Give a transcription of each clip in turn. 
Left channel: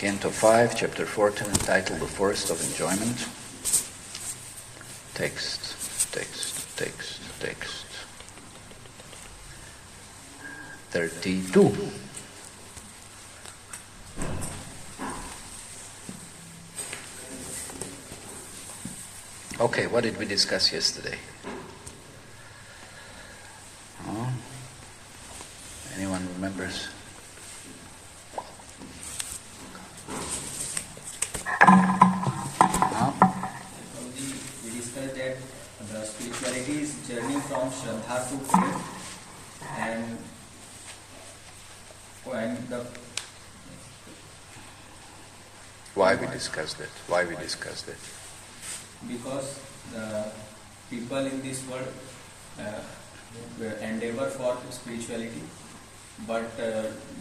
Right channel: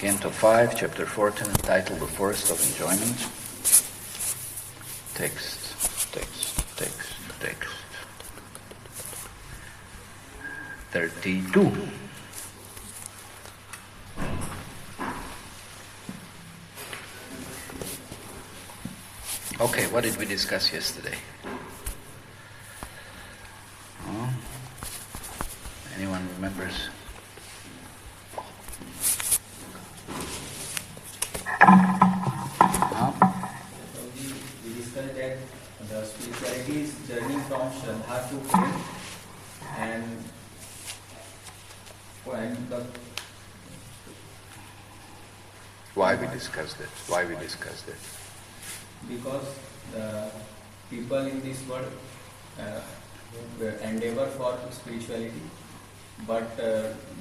Canto 5, Chapter 14, title The Forest of Enjoyment. Text. 32. Okay, what did we discuss yesterday? Anyone remembers? We discussed that the spirituality is journey from Shankha to faith, and the Why we discussed it? Because the people in this world endeavor for spirituality, but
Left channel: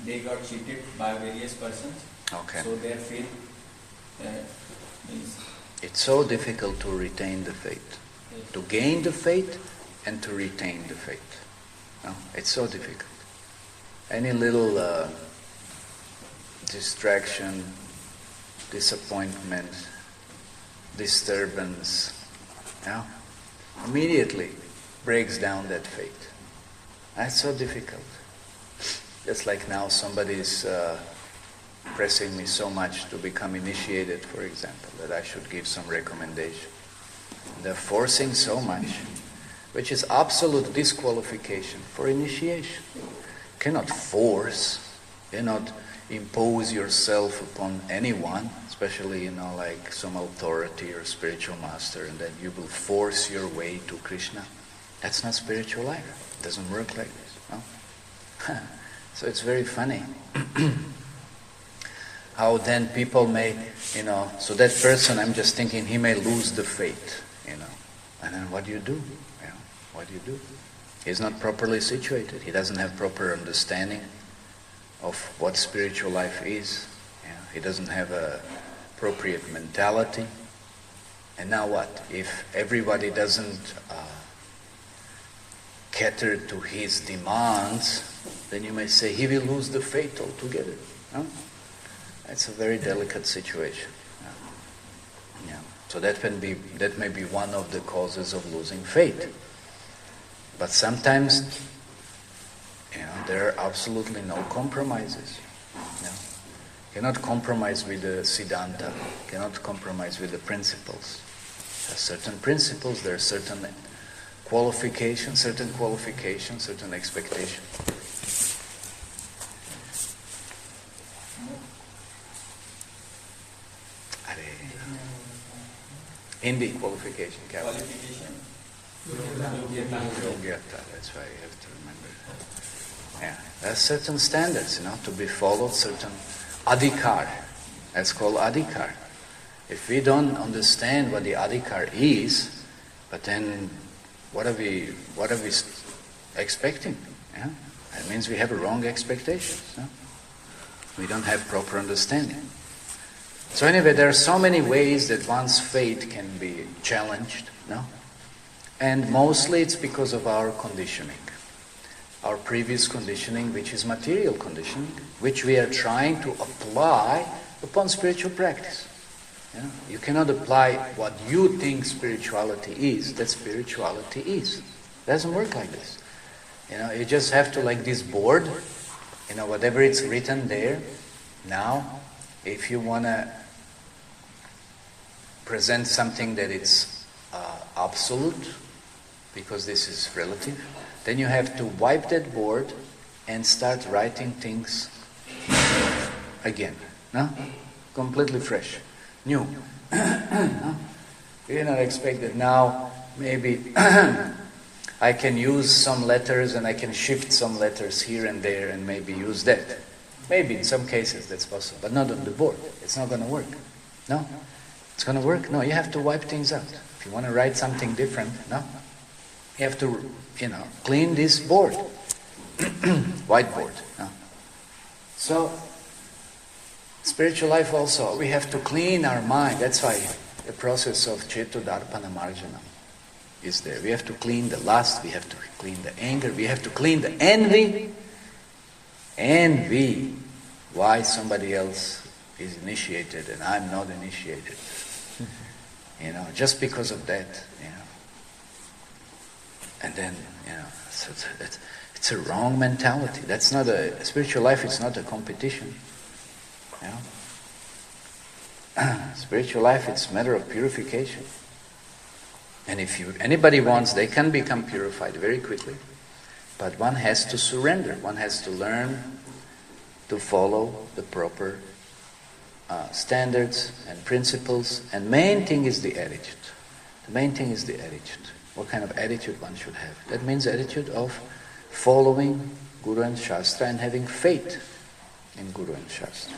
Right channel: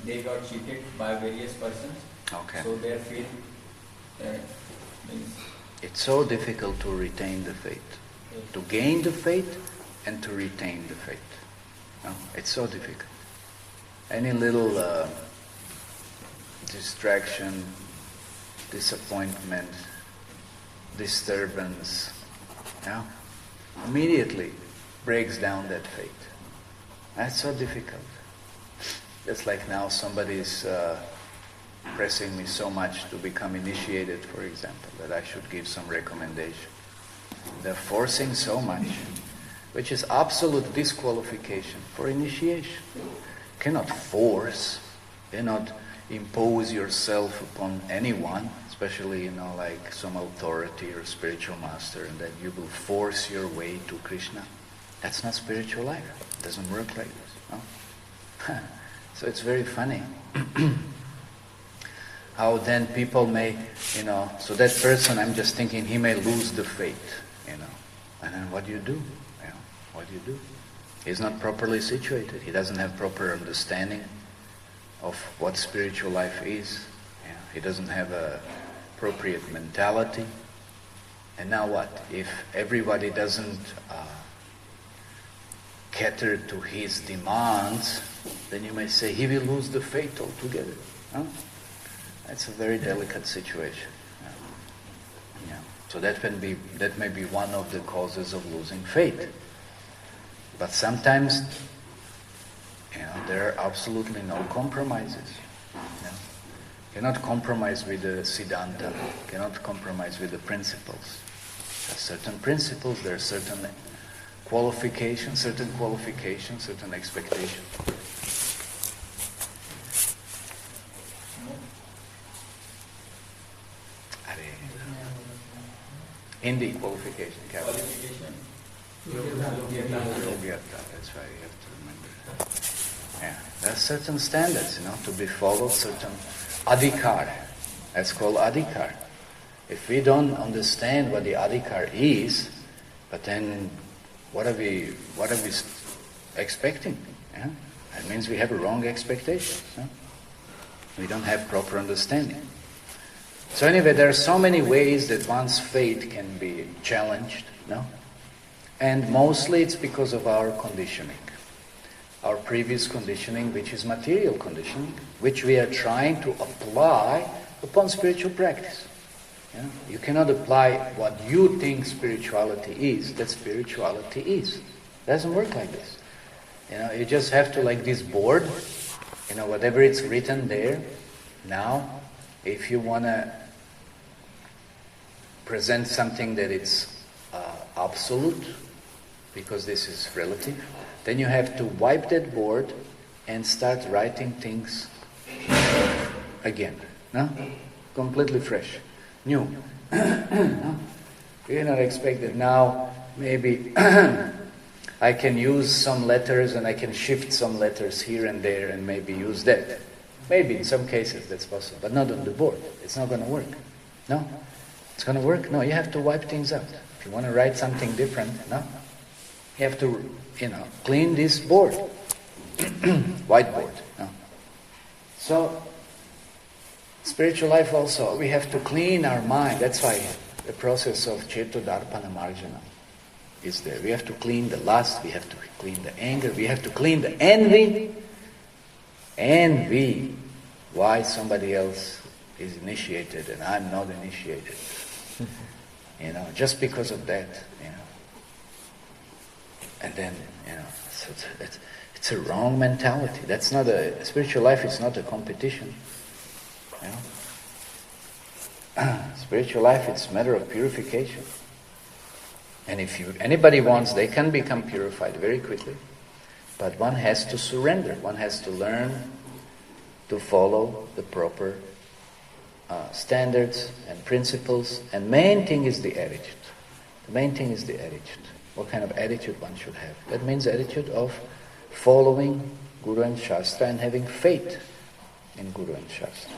they got cheated by various persons. Okay. So their faith is... It's so difficult to retain the faith. Yes. To gain the faith and to retain the faith. It's so difficult. Any little distraction, disappointment, disturbance, immediately breaks down that faith. That's so difficult. It's like now somebody is pressing me so much to become initiated, for example, that I should give some recommendation. They're forcing so much, which is absolute disqualification for initiation. You cannot force, cannot impose yourself upon anyone, especially, like some authority or spiritual master, and that you will force your way to Krishna. That's not spiritual life. It doesn't work like this. No? So it's very funny how then people may, so that person, I'm just thinking, he may lose the faith, and then what do you do? What do you do? He's not properly situated. He doesn't have proper understanding of what spiritual life is. He doesn't have a appropriate mentality. And now what? If everybody doesn't cater to his demands, then you may say he will lose the faith altogether. That's a very delicate situation. So that may be one of the causes of losing faith. But sometimes, there are absolutely no compromises. You cannot compromise with the Siddhanta. You cannot compromise with the principles. There are certain principles, there are certain qualifications, certain expectations. Hindi qualification. Qualification. That's why you have to remember that. There are certain standards, to be followed, certain adhikar. That's called adhikar. If we don't understand what the adhikar is, but then what are we expecting? That means we have a wrong expectation. We don't have proper understanding. So anyway, there are so many ways that one's faith can be challenged, and mostly it's because of our conditioning, our previous conditioning, which is material conditioning, which we are trying to apply upon spiritual practice. You cannot apply what you think spirituality is, that spirituality is. It doesn't work like this. You just have to, like this board, whatever it's written there. Now, if you want to present something that it's absolute, because this is relative, then you have to wipe that board and start writing things again. Completely fresh. New. You cannot expect that now maybe I can use some letters and I can shift some letters here and there and maybe use that. Maybe in some cases that's possible, but not on the board. It's not going to work. No? It's going to work? No, you have to wipe things out. If you want to write something different, you have to, clean this board. Whiteboard. So, spiritual life also, we have to clean our mind. That's why the process of Cetodarpana Marjana is there. We have to clean the lust, we have to clean the anger, we have to clean the envy. Why somebody else is initiated and I'm not initiated. Just because of that, And then, so it's a wrong mentality. That's not spiritual life is not a competition. Spiritual life, it's a matter of purification. And if anybody wants, they can become purified very quickly. But one has to surrender. One has to learn to follow the proper standards and principles. And main thing is the attitude. The main thing is the attitude. What kind of attitude one should have? That means the attitude of following Guru and Shastra and having faith in Guru and Shastra.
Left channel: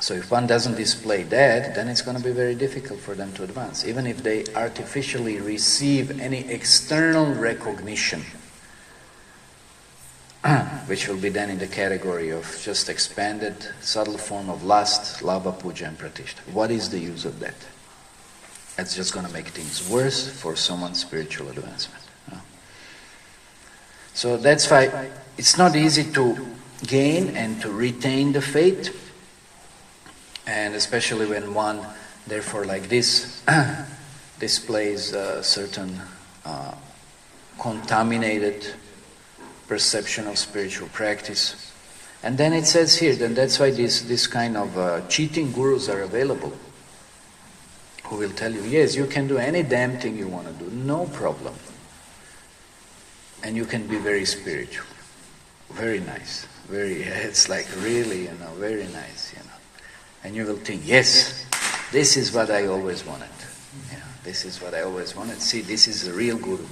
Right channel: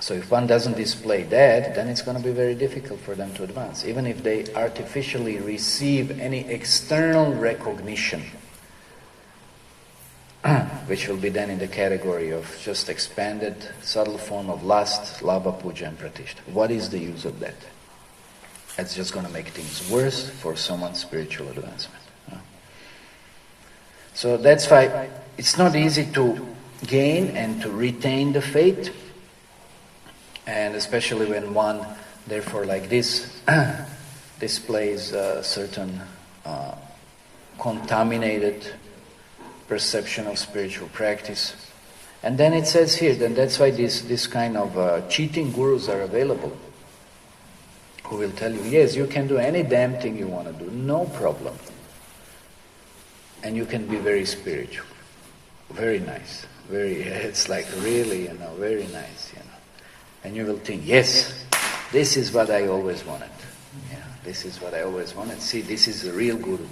So if one doesn't display that, then it's going to be very difficult for them to advance. Even if they artificially receive any external recognition, which will be then in the category of just expanded, subtle form of lust, lava, puja and pratishta. What is the use of that? That's just going to make things worse for someone's spiritual advancement. So that's why it's not easy to gain and to retain the faith, and especially when one, therefore, like this, displays certain contaminated perception of spiritual practice. And then it says here, then that's why this kind of cheating gurus are available, who will tell you, yes, you can do any damn thing you want to do, no problem. And you can be very spiritual, very nice, it's like really, very nice, And you will think, yes, this is what I always wanted. This is what I always wanted. See, this is a real guru.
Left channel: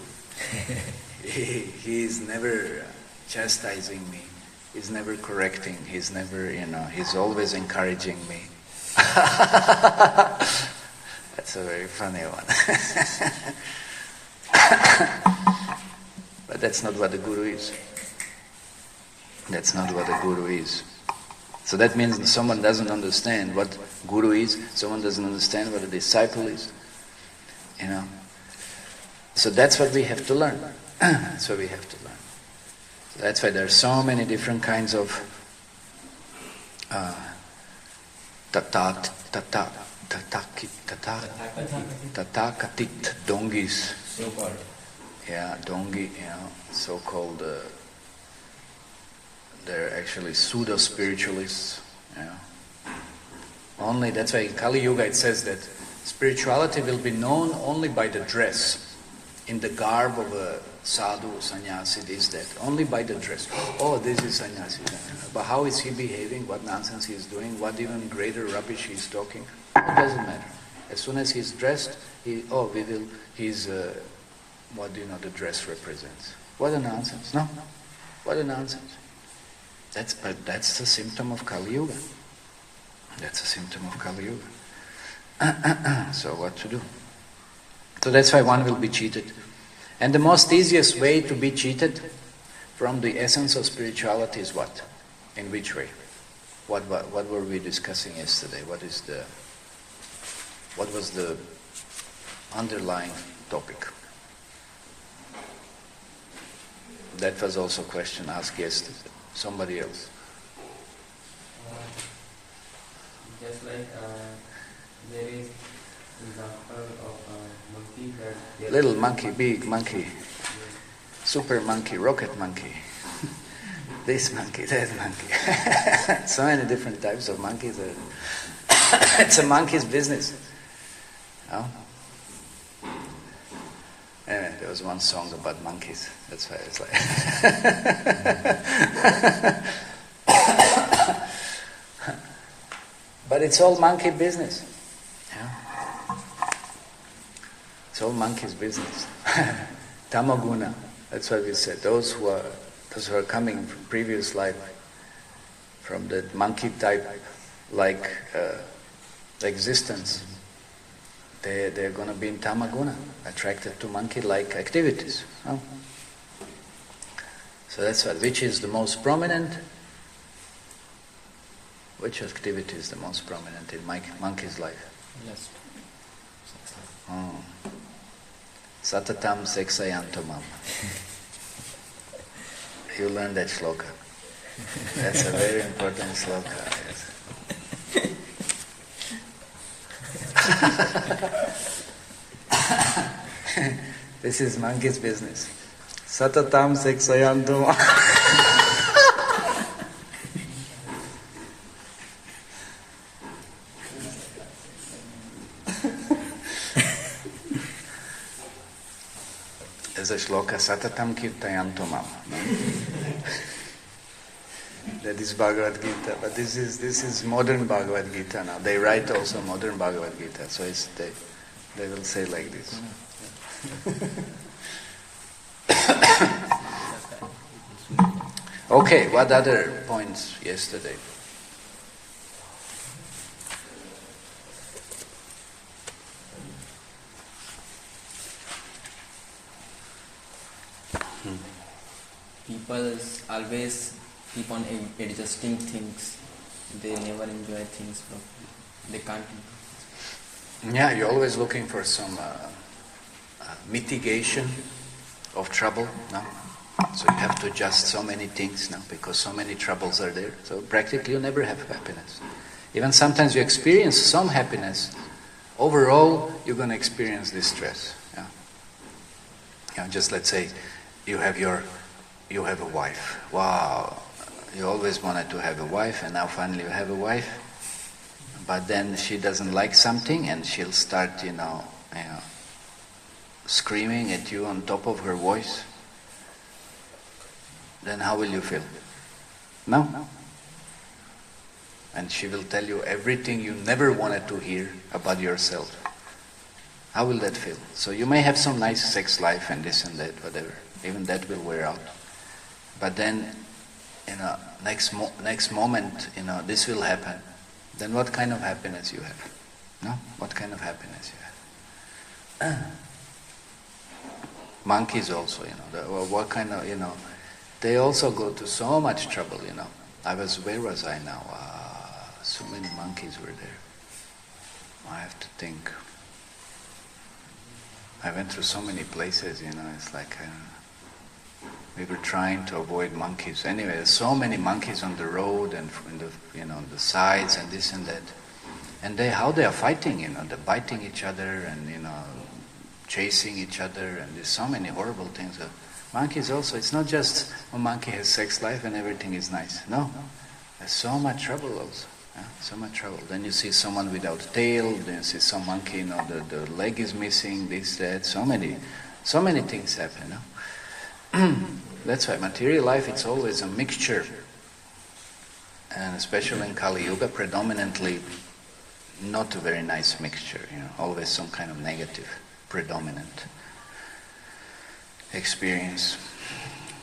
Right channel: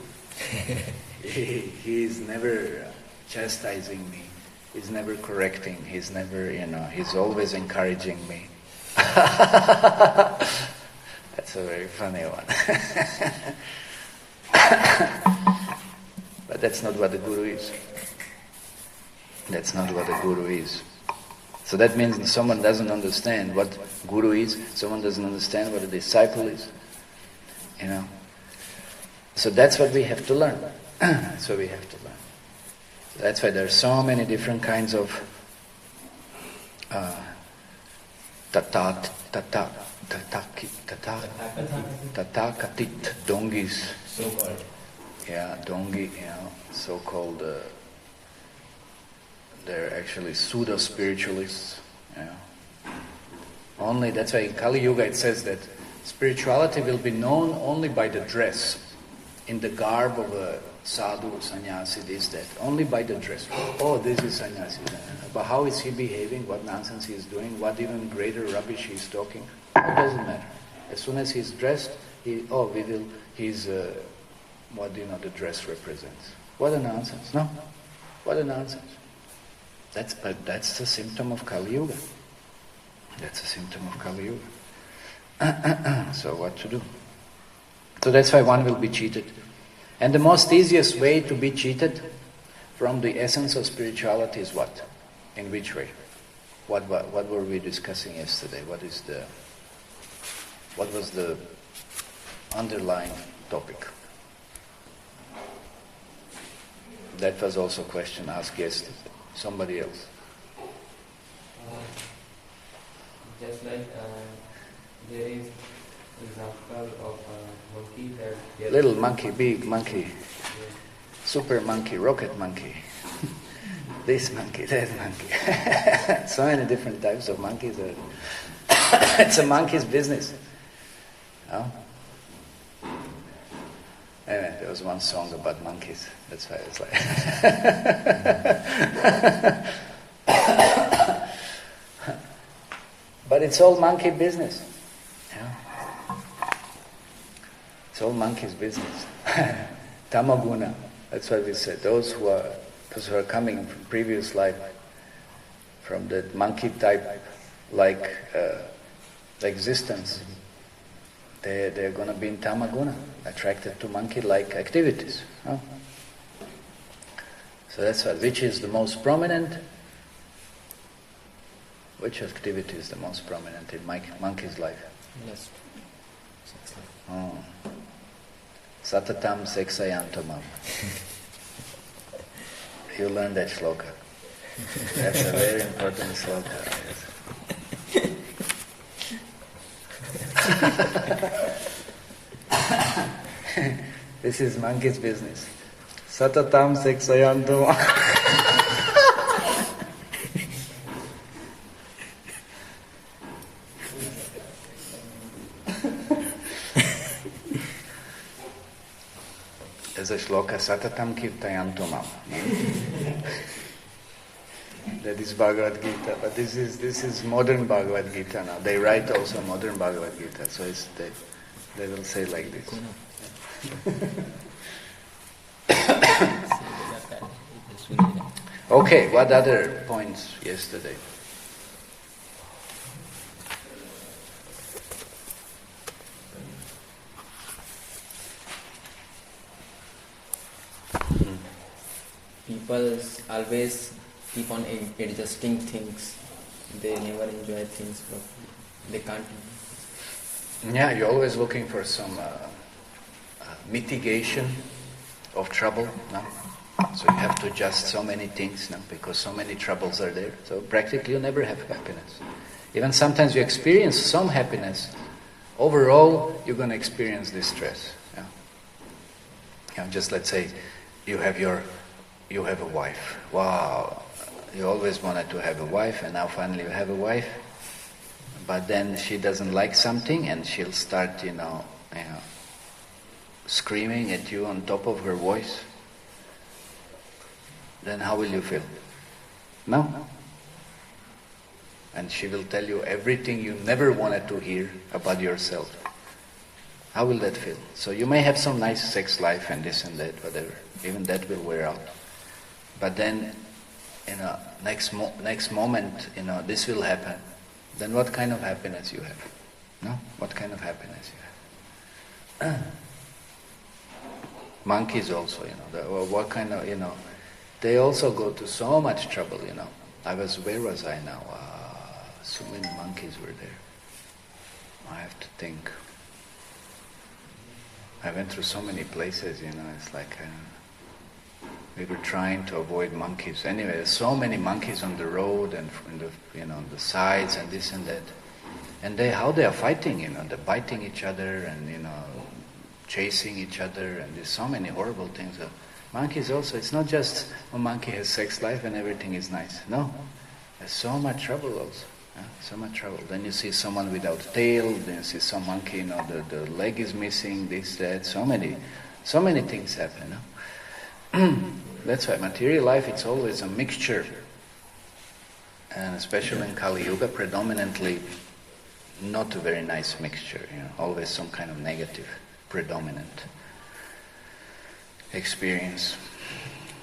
He is never chastising me. He's never correcting. He's never, he's always encouraging me. That's a very funny one. But that's not what the guru is. That's not what the guru is. So that means that someone doesn't understand what guru is, someone doesn't understand what a disciple is. So that's what we have to learn. That's what we have to learn. So that's why there are so many different kinds of Tatakatit dongis. So-called. Yeah, dongi, so-called, they're actually pseudo-spiritualists. Only, that's why in Kali Yuga it says that spirituality will be known only by the dress, in the garb of a sadhu, sannyasi, this, that. Only by the dress. Oh, this is sannyasi. But how is he behaving? What nonsense he is doing? What even greater rubbish he is talking? It doesn't matter. As soon as he's dressed, he's what do you know the dress represents? What a nonsense. No? What a nonsense. That's the symptom of Kali Yuga. That's a symptom of Kali Yuga. So what to do? So that's why one will be cheated. And the most easiest way to be cheated from the essence of spirituality is what? In which way? What were we discussing yesterday? What was the underlying topic? That was also a question asked yesterday. Somebody else. Just like there is example of monkey that little monkey, big monkey, super monkey, rocket monkey, this monkey, that monkey. So many different types of monkeys. It's a monkey's business. Yeah, there was one song about monkeys. That's why it's like. But it's all monkey business. Yeah. It's all monkey's business. Tamaguna. That's what we said. Those who are coming from previous life, from that monkey type like existence, they're going to be in Tamaguna, attracted to monkey-like activities. No? So that's which is the most prominent? Which activity is the most prominent in monkey's life? Yes. Sex life. Satatam seksayantomam. You learn that shloka. That's a very important shloka. This is monkey's business. Satatam seksayantum. There's a shloka, Satatam kirtayantumam. That is Bhagavad Gita, but this is modern Bhagavad Gita now. They write also modern Bhagavad Gita, so they will say like this. Okay, what other points yesterday? People always keep on adjusting things. They never enjoy things properly. They can't. Yeah, you're always looking for some mitigation of trouble, no? So you have to adjust so many things now because so many troubles are there. So practically you never have happiness. Even sometimes you experience some happiness. Overall, you're going to experience distress. Yeah? Yeah, just let's say you have a wife. Wow, you always wanted to have a wife, and now finally you have a wife. But then she doesn't like something, and she'll start, screaming at you on top of her voice. Then how will you feel? No? And she will tell you everything you never wanted to hear about yourself. How will that feel? So you may have some nice sex life and this and that, whatever. Even that will wear out. But then, next moment, this will happen. Then what kind of happiness you have? No? What kind of happiness you have? Monkeys also, what kind of, they also go to so much trouble, where was I now? So many monkeys were there. I have to think. I went through so many places, it's like we were trying to avoid monkeys. Anyway, there's so many monkeys on the road and the sides and this and that. And how they are fighting, they're biting each other and, chasing each other, and there's so many horrible things. Monkeys also, it's not just a monkey has sex life and everything is nice. No, there's so much trouble also. So much trouble. Then you see someone without tail, then you see some monkey, the leg is missing, this, that, so many things happen. That's why material life, it's always a mixture. And especially in Kali Yuga, predominantly not a very nice mixture, always some kind of negative, predominant experience.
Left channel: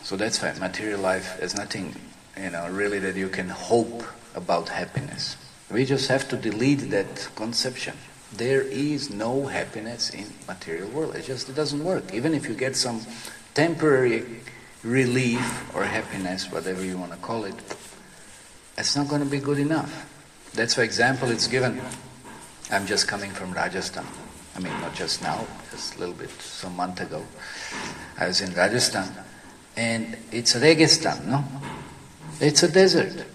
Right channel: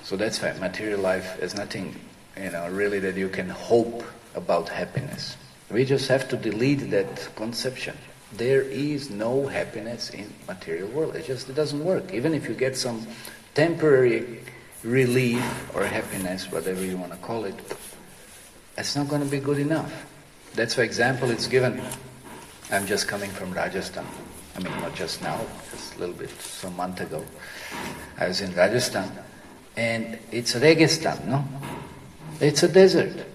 So that's why material life is nothing, really that you can hope about happiness. We just have to delete that conception. There is no happiness in material world. It just doesn't work. Even if you get some temporary relief or happiness, whatever you want to call it, it's not going to be good enough. That's why example it's given. I'm just coming from Rajasthan. Not just now, just a little bit, some month ago. I was in Rajasthan, and it's Registan, no? It's a desert.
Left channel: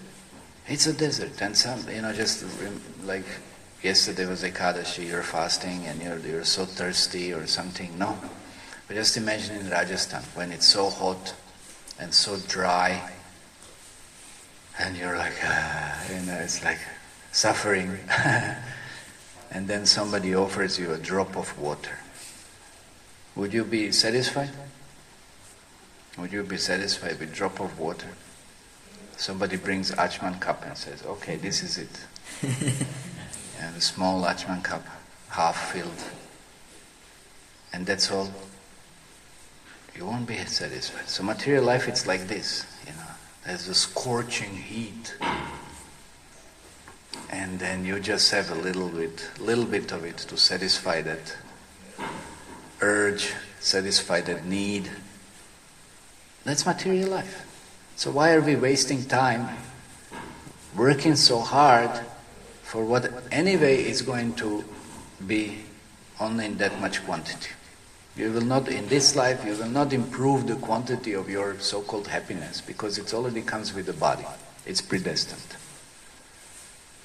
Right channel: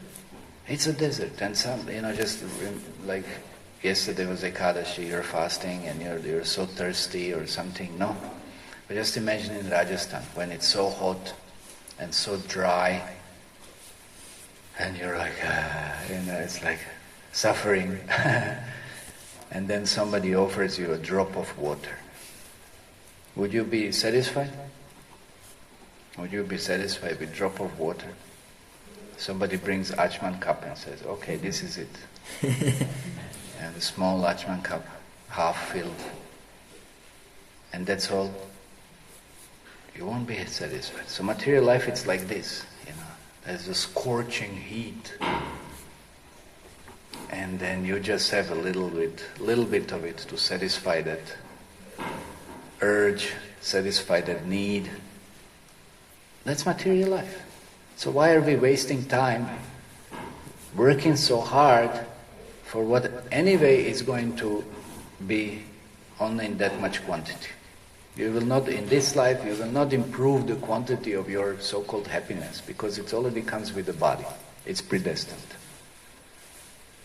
It's a desert, and some, just like yesterday was Ekadashi, you're fasting and you're so thirsty or something, no? But just imagine in Rajasthan, when it's so hot and so dry, and you're like, it's like suffering. And then somebody offers you a drop of water. Would you be satisfied? Would you be satisfied with a drop of water? Somebody brings Achman cup and says, okay, this is it. And a small Achman cup, half filled. And that's all. You won't be satisfied. So material life, it's like this. There's a scorching heat. And then you just have a little bit of it to satisfy that urge, satisfy that need. That's material life. So why are we wasting time working so hard for what anyway is going to be only in that much quantity? You will not, in this life, you will not improve the quantity of your so-called happiness because it already comes with the body. It's predestined.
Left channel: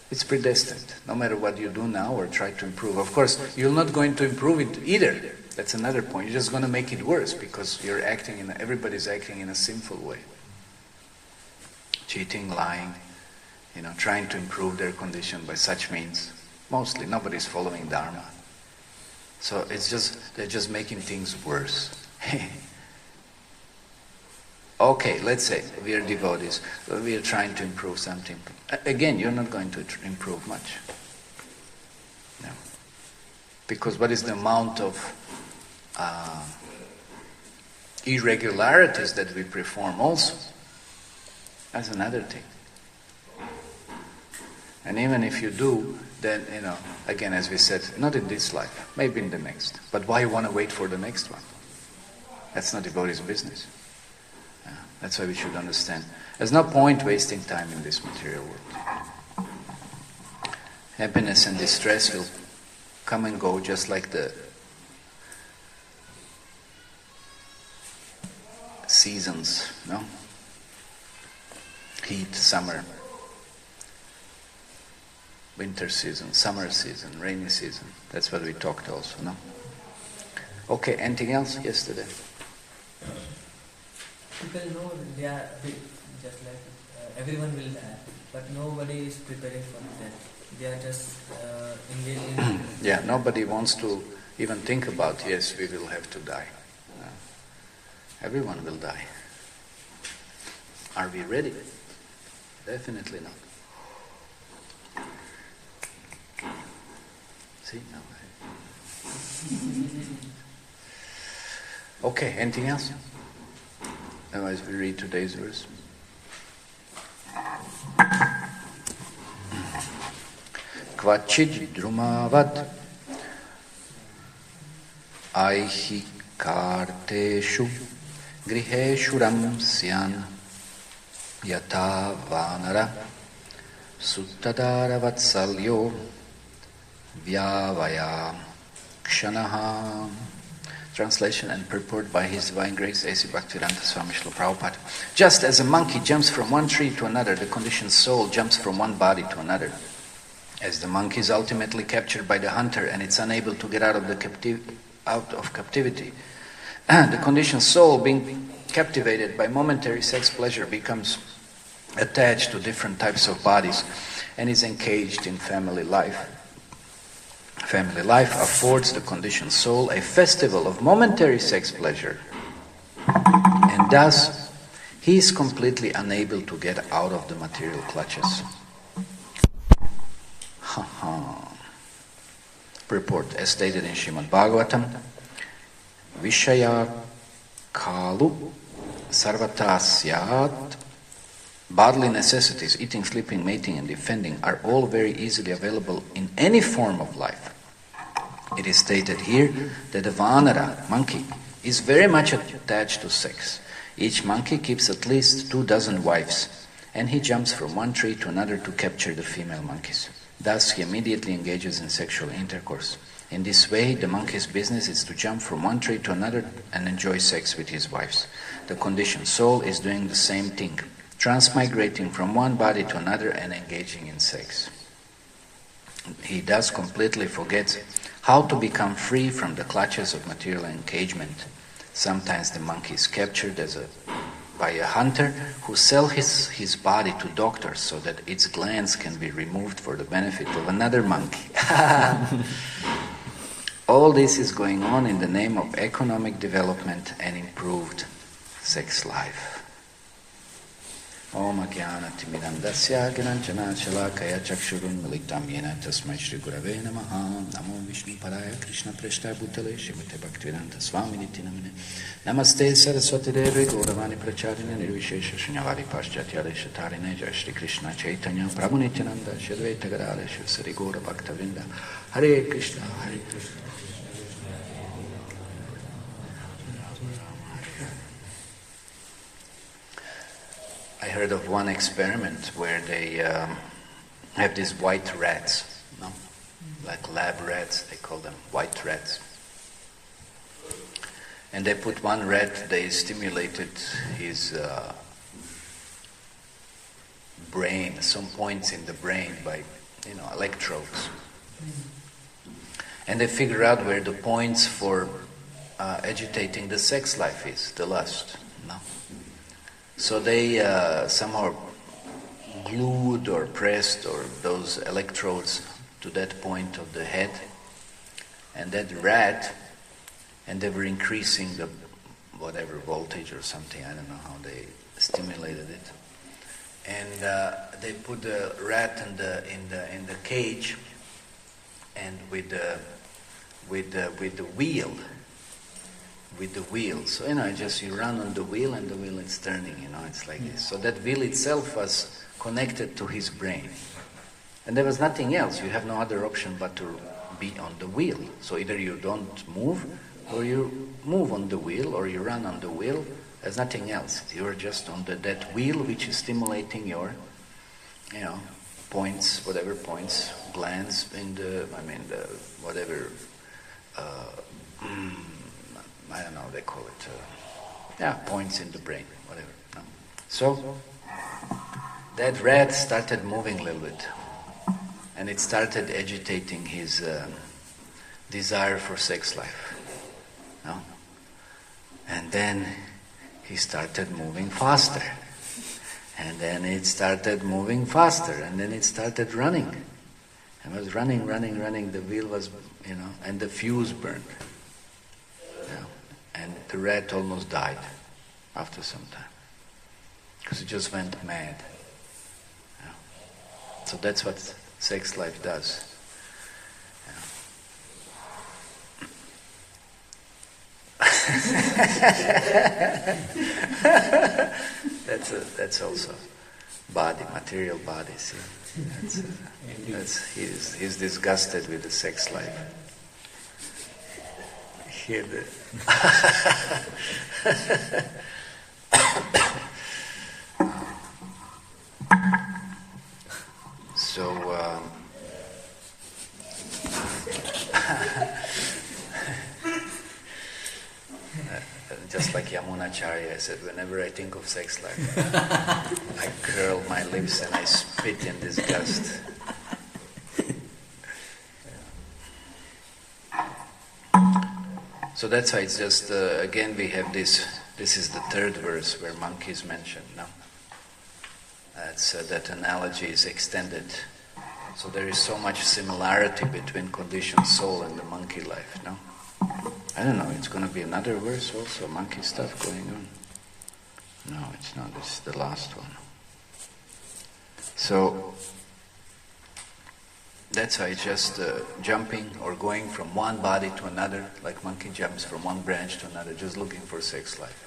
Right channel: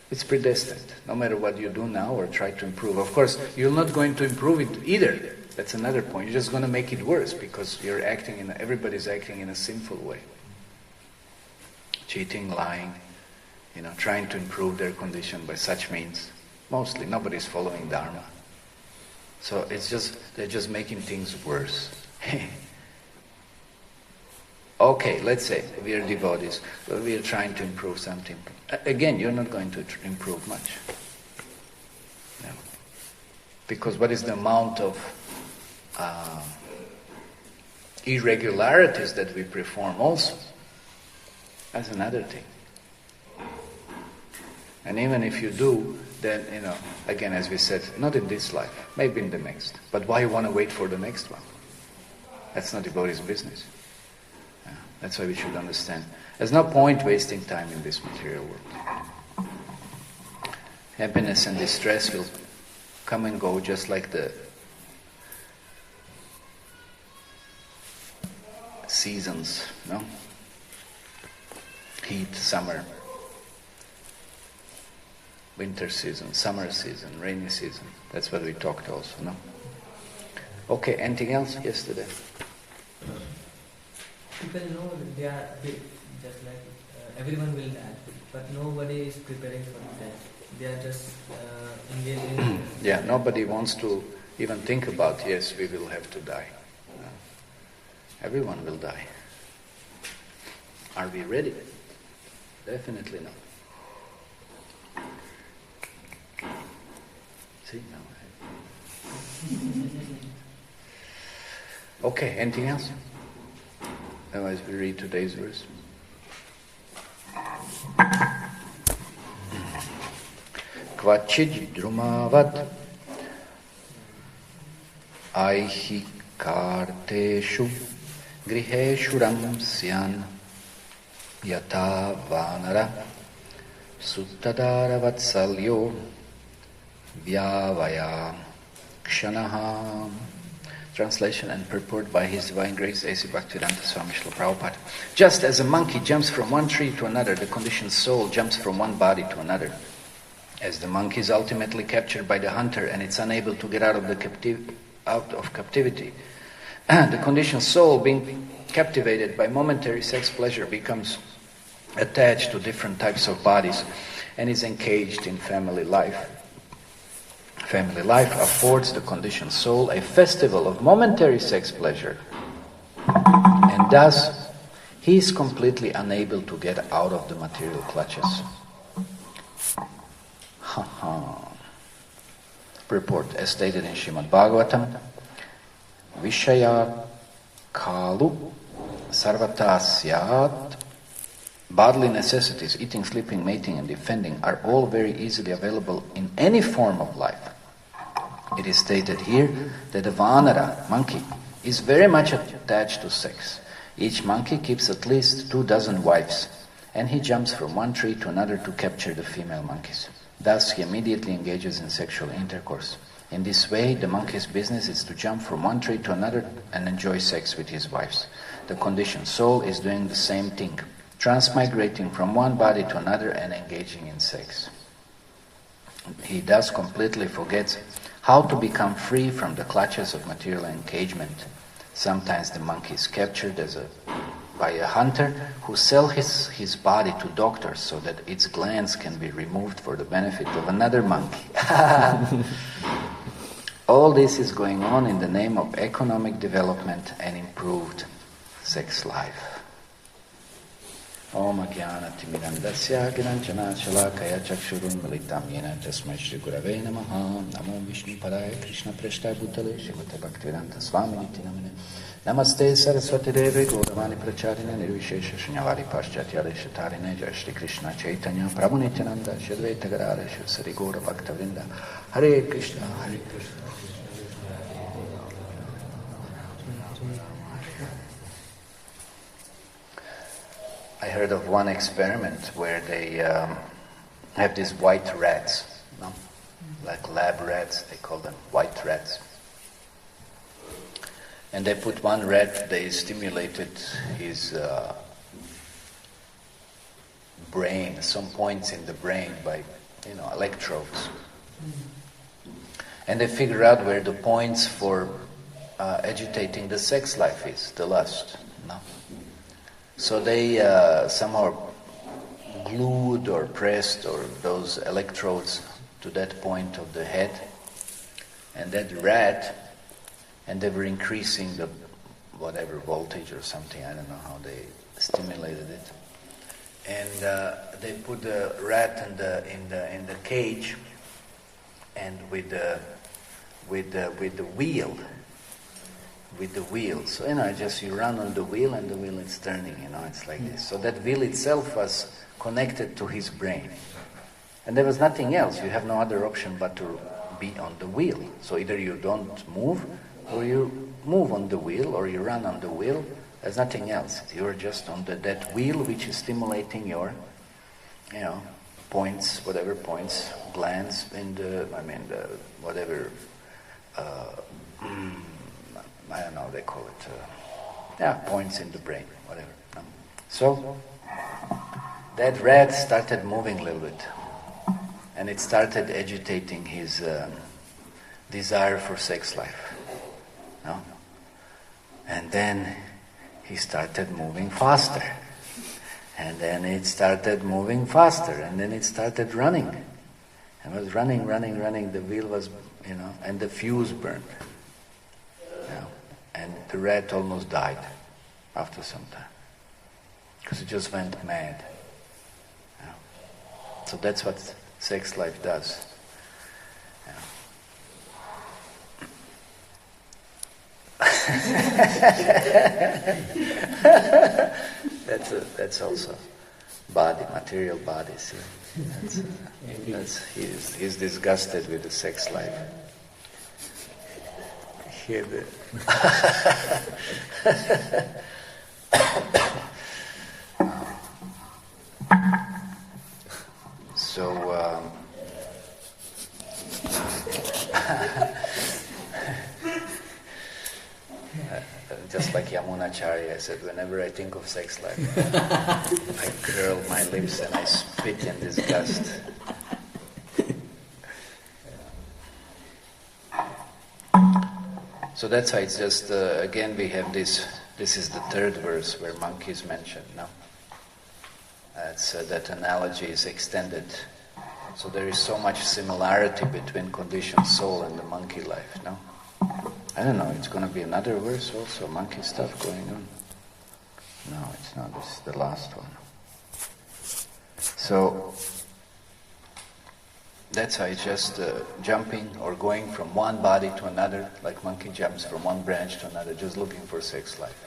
It's predestined. No matter what you do now or try to improve. Of course, you're not going to improve it either. That's another point. You're just going to make it worse because everybody's acting in a sinful way. Cheating, lying, trying to improve their condition by such means. Mostly, nobody's following Dharma. So they're just making things worse. Okay, let's say we are devotees, we are trying to improve something. Again, you're not going to improve much. No. Because what is the amount of irregularities that we perform also? That's another thing. And even if you do, then, again, as we said, not in this life, maybe in the next. But why you want to wait for the next one? That's not devotee's business. That's why we should understand. There's no point wasting time in this material world. Happiness and distress will come and go just like the seasons, no? Heat, summer, winter season, summer season, rainy season. That's what we talked also, no? Okay, anything else yesterday? People know they are just like everyone will die, but nobody is preparing for death. They are just engaged in... Yeah, nobody wants to even think about, yes, we will have to die. No. Everyone will die. Are we ready? Definitely not. See? No. Okay, anything else? Otherwise we read today's verse. Kvachid drumavat aihikarteshu griheshu ramsyan yata vanara suttadara vatsalyo vyavaya kshanaha. Translation and purport by His Divine Grace A.C. Bhaktivedanta Swami Srila Prabhupada. Just as a monkey jumps from one tree to another, the conditioned soul jumps from one body to another. As the monkey is ultimately captured by the hunter and it's unable to get out of captivity, the conditioned soul, being captivated by momentary sex pleasure, becomes attached to different types of bodies and is engaged in family life. Family life affords the conditioned soul a festival of momentary sex pleasure, and thus he is completely unable to get out of the material clutches. Purport, as stated in Srimad Bhagavatam, Vishaya Kalu Sarvata Syat. Bodily necessities, eating, sleeping, mating, and defending, are all very easily available in any form of life. It is stated here that the Vanara, monkey, is very much attached to sex. Each monkey keeps at least 24 wives, and he jumps from one tree to another to capture the female monkeys. Thus, he immediately engages in sexual intercourse. In this way, the monkey's business is to jump from one tree to another and enjoy sex with his wives. The conditioned soul is doing the same thing, transmigrating from one body to another and engaging in sex. He thus completely forgets how to become free from the clutches of material engagement. Sometimes the monkey is captured by a hunter who sells his body to doctors so that its glands can be removed for the benefit of another monkey. All this is going on in the name of economic development and improved sex life. Om Jnana Timirandasya Gnanjana Shalakaya Chakshurun Militam Yena Tasmai Shri Gurave Namaha Namo Vishnu Padaya Krishna Preshta Bhutale Srimate Bhaktivedanta Swami Niti Namine Namaste Saraswati Devi Gauravani Pracharina Nirvishesha Shunyavadi Paschatya Shatarine Jai Shri Krishna Chaitanya Prabhu Nityananda Shadvaita Gadara Shiv Sari Gaura Bhaktavinda Hare Krishna Hare Krishna. I heard of one experiment where they have these white rats, like lab rats, they call them white rats. And they put one rat, they stimulated his brain, some points in the brain by electrodes. And they figure out where the points for agitating the sex life is, the lust. No? So they somehow glued or pressed or those electrodes to that point of the head, and that rat, and they were increasing the whatever voltage or something, I don't know how they stimulated it, and they put the rat in the cage, and with the wheel. So just you run on the wheel and the wheel is turning. It's like this. So that wheel itself was connected to his brain, and there was nothing else. You have no other option but to be on the wheel. So either you don't move, or you move on the wheel, or you run on the wheel. There's nothing else. You're just on that wheel, which is stimulating your, points, whatever points, glands in the whatever. I don't know, they call it, points in the brain, whatever. No? So, that rat started moving a little bit, and it started agitating his desire for sex life. No? And then he started moving faster, and then it started moving faster, and then it started running. And it was running, the wheel was, and the fuse burned. And the rat almost died after some time, because it just went mad. So that's what sex life does. That's also body, material body. See? He's disgusted with the sex life. Hear the so just like Yamunacharya, I said, whenever I think of sex life, I curl my lips and I spit in disgust. So that's why it's just, again we have this is the third verse where monkey is mentioned, no? That's, that analogy is extended. So there is so much similarity between conditioned soul and the monkey life, no? I don't know, it's going to be another verse also, monkey stuff going on. No, it's not, this is the last one. So, that's how it's just jumping or going from one body to another, like monkey jumps from one branch to another, just looking for sex life.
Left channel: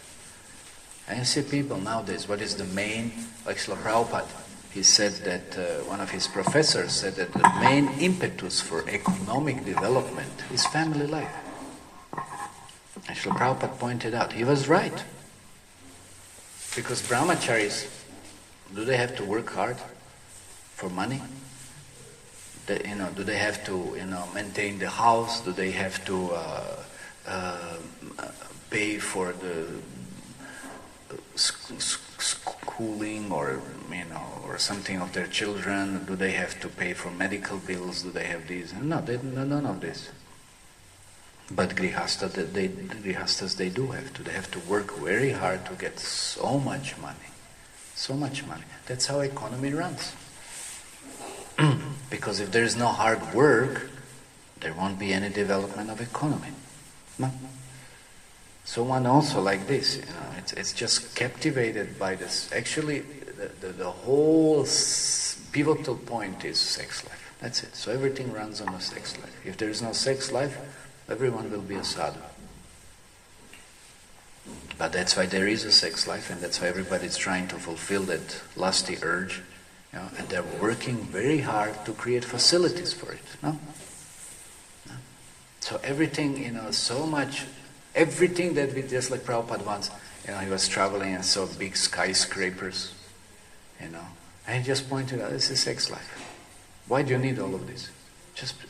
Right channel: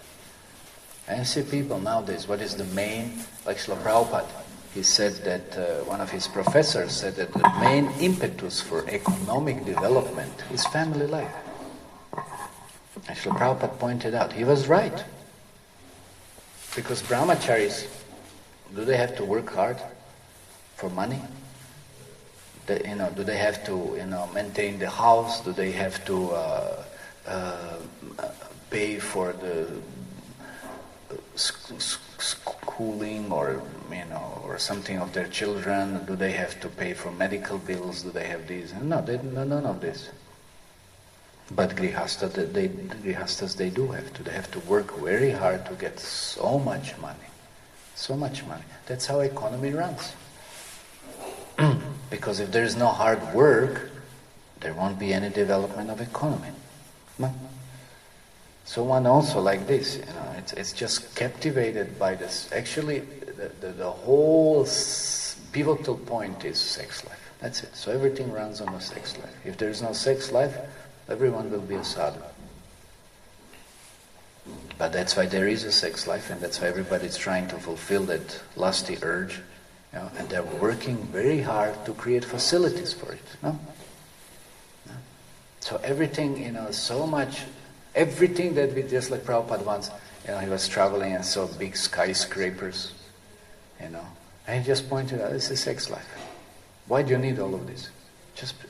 And you see people nowadays, what is the main, like Srila Prabhupada, he said that, one of his professors said that the main impetus for economic development is family life. And Srila Prabhupada pointed out, he was right. Because brahmacharis, do they have to work hard for money? Do they have to, maintain the house? Do they have to pay for the schooling or something of their children? Do they have to pay for medical bills? Do they have these? No, none of this. But grihastas, they do have to. They have to work very hard to get so much money. So much money. That's how economy runs. Because if there is no hard work, there won't be any development of economy. No. So one also like this, it's just captivated by this. Actually, the whole pivotal point is sex life. That's it. So everything runs on the sex life. If there is no sex life, everyone will be a sadhu. But that's why there is a sex life, and that's why everybody's trying to fulfill that lusty urge. And they're working very hard to create facilities for it. No? So everything, so much, everything that we, just like Prabhupada once, he was traveling and saw big skyscrapers, and he just pointed out, this is sex life. Why do you need all of this?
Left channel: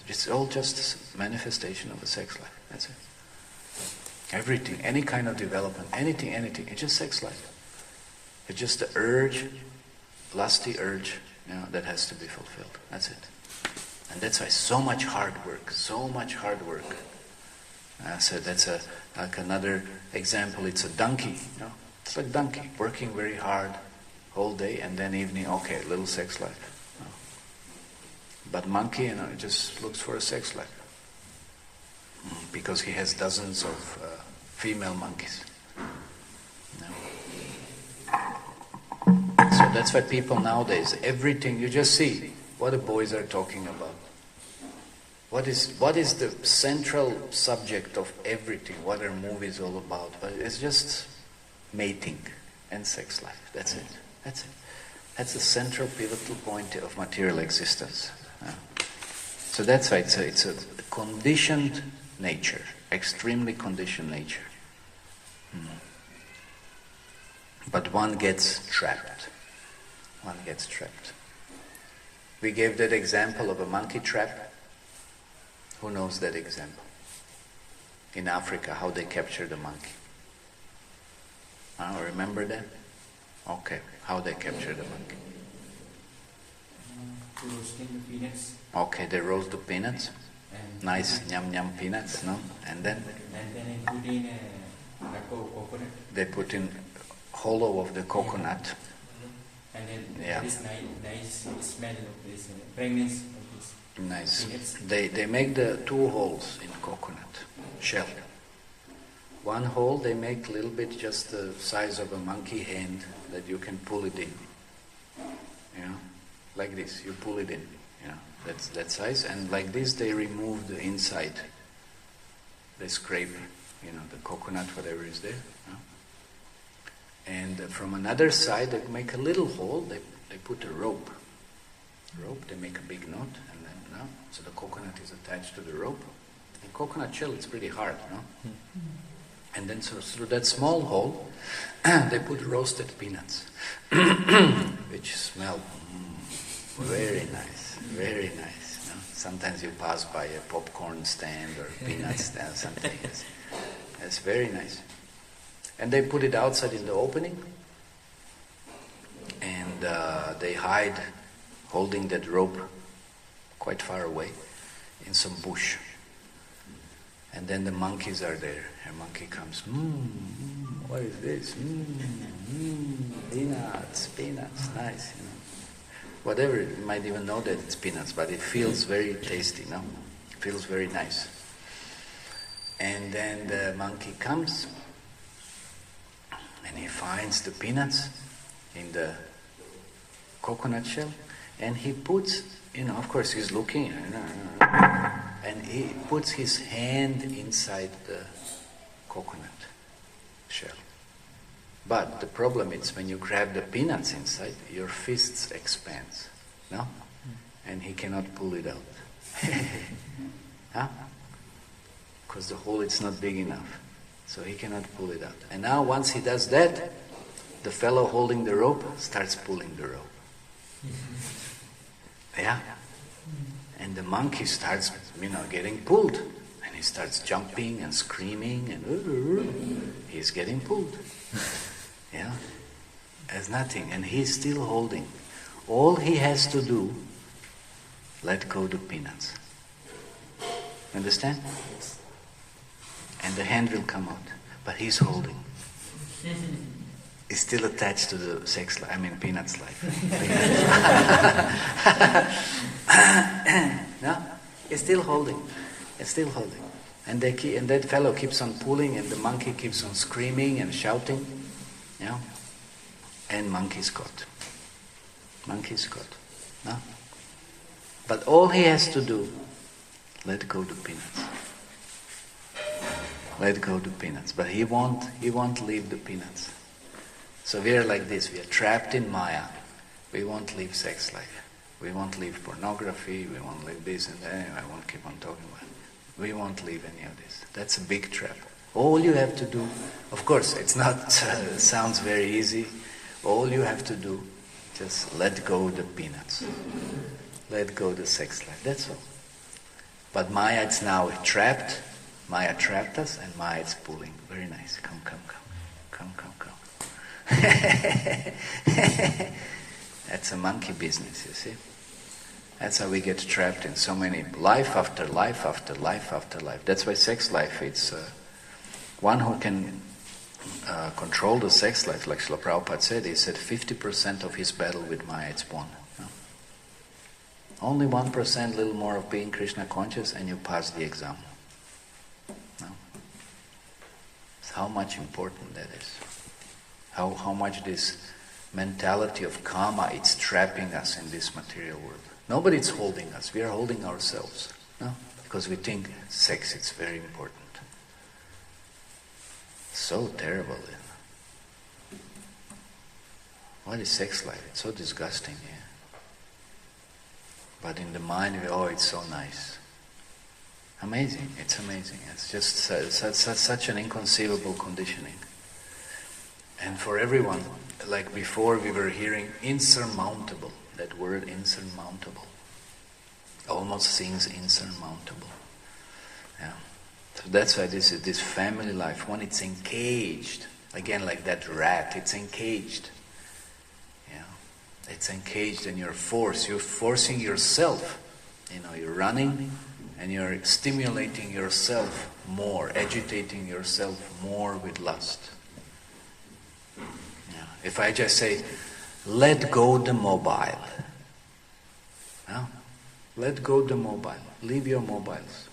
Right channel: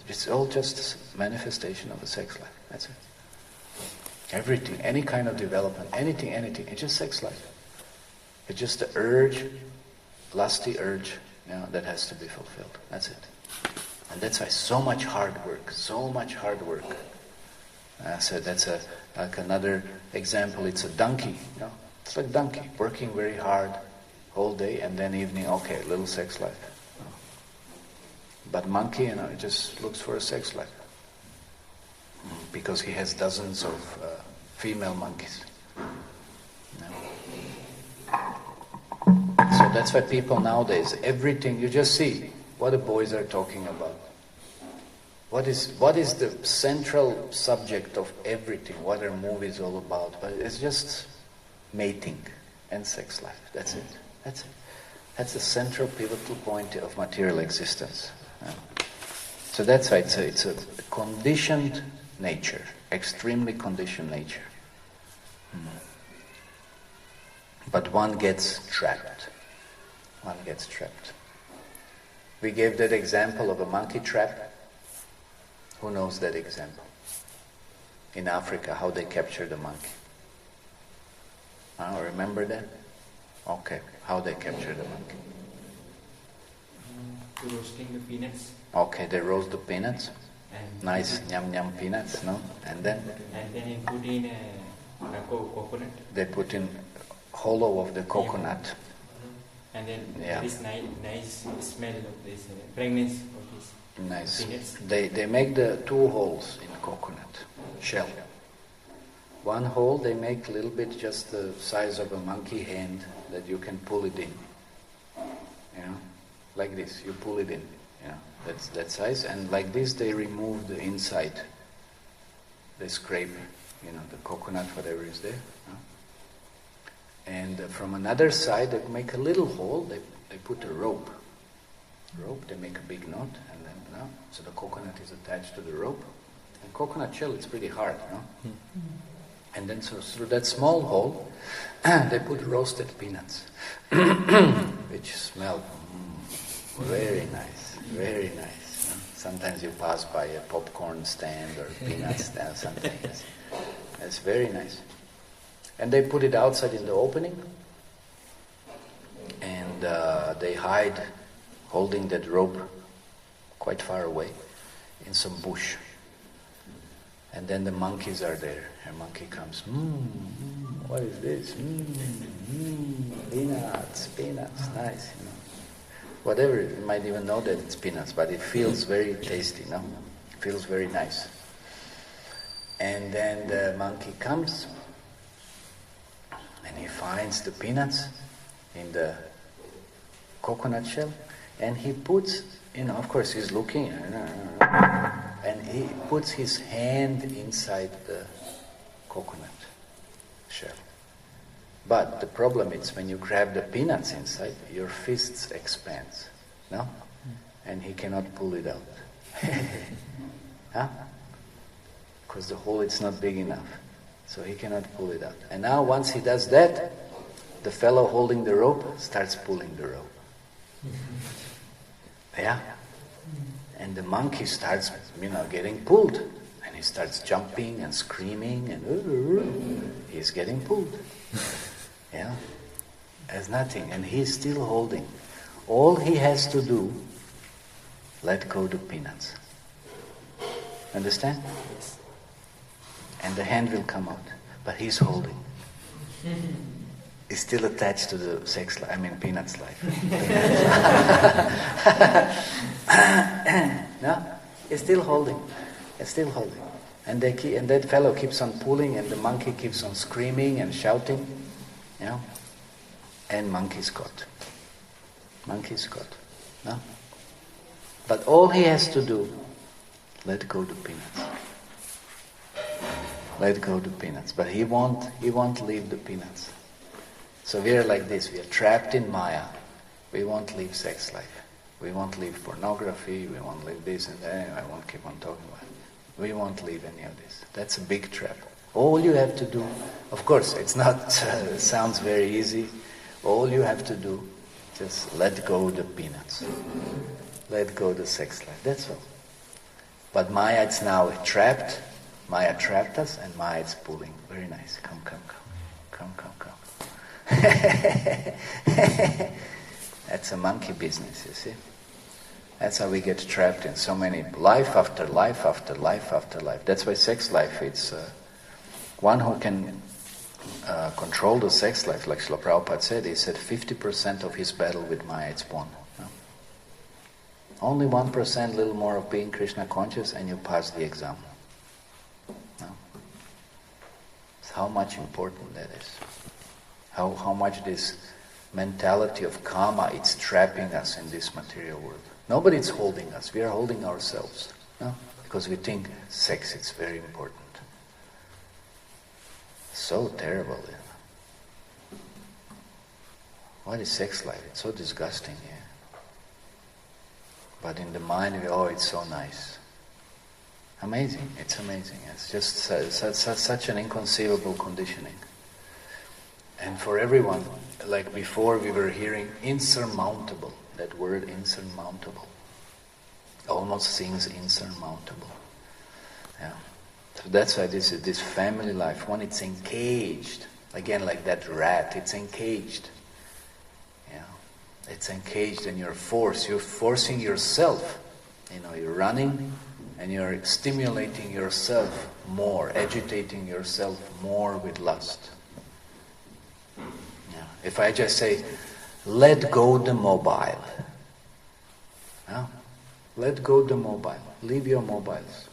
It's all just manifestation of the sex life. That's it. Everything, any kind of development, anything, it's just sex life. It's just the urge, lusty urge, that has to be fulfilled. That's it. And that's why so much hard work. So that's like another example. It's a donkey. It's like donkey working very hard whole day, and then evening, okay, a little sex life. But monkey, just looks for a sex life because he has dozens of female monkeys. So that's why people nowadays, everything you just see what the boys are talking about. What is the central subject of everything? What are movies all about? But it's just mating and sex life. That's it. That's the central pivotal point of material existence. So that's why it's a conditioned nature, extremely conditioned nature. But one gets trapped. We gave that example of a monkey trap. Who knows that example? In Africa, how they captured a monkey. Remember that? Okay, how they captured a monkey. Roasting the peanuts. Okay, they roast the peanuts. Nice yum peanuts, no? And then? And then they put in a coconut. They put in hollow of the coconut. And then there is nice smell of this fragrance of this. Nice. Peanuts. They make the two holes in coconut shell. One hole they make a little bit just the size of a monkey hand that you can pull it in. Like this, you pull it in. That's that size. And like this they remove the inside. They scrape, the coconut, whatever is there. And from another side they make a little hole, they put a rope. They make a big knot, and then so the coconut is attached to the rope. And coconut shell is pretty hard, And then so through that small hole, they put roasted peanuts, which smell very nice, very nice. Sometimes you pass by a popcorn stand or peanut stand, something. It's very nice. And they put it outside in the opening, and they hide, holding that rope quite far away in some bush. And then the monkeys are there. A monkey comes, what is this? Peanuts, nice. Whatever, you might even know that it's peanuts, but it feels very tasty, It feels very nice. And then the monkey comes, and he finds the peanuts in the coconut shell, and he puts, of course he's looking, and he puts his hand inside the coconut shell. But the problem is when you grab the peanuts inside, your fists expand, no? And he cannot pull it out. Because the hole is not big enough. So he cannot pull it out. And now once he does that, the fellow holding the rope starts pulling the rope. And the monkey starts, getting pulled. And he starts jumping and screaming and he's getting pulled. There's nothing. And he's still holding. All he has to do, let go the peanuts. Understand? And the hand will come out. But he's holding. It's still attached to the peanuts life. No? It's still holding. And that fellow keeps on pulling, and the monkey keeps on screaming and shouting. And monkey's caught. No? But all he has to do, let go the peanuts. Let go the peanuts. But he won't leave the peanuts. So we are like this, we are trapped in Maya. We won't leave sex life. We won't leave pornography, we won't leave this and that, I won't keep on talking about it. We won't leave any of this. That's a big trap. All you have to do, of course, it's not, sounds very easy. All you have to do, just let go the peanuts. Let go the sex life, that's all. But Maya is now trapped. Maya trapped us, and Maya is pulling. Very nice. Come. That's a monkey business, you see. That's how we get trapped in so many life after life after life after life. That's why sex life, it's one who can control the sex life, like Srila Prabhupada said. He said 50% of his battle with Maya is won. Only 1%, little more of being Krishna conscious, and you pass the exam. It's how much important that is. How much this mentality of karma, it's trapping us in this material world. Nobody is holding us. We are holding ourselves. Because we think sex is very important. So terrible. What is sex like? It's so disgusting. Yeah? But in the mind, it's so nice. Amazing. It's amazing. It's just such an inconceivable conditioning. And for everyone, like before we were hearing insurmountable, that word insurmountable. Almost seems insurmountable. Yeah. So that's why this family life, when it's engaged, again like that rat, it's engaged. Yeah. It's engaged in your force. You're forcing yourself. You're running and you're stimulating yourself more, agitating yourself more with lust. If I just say, let go the mobile. Let go the mobile. Leave your mobiles.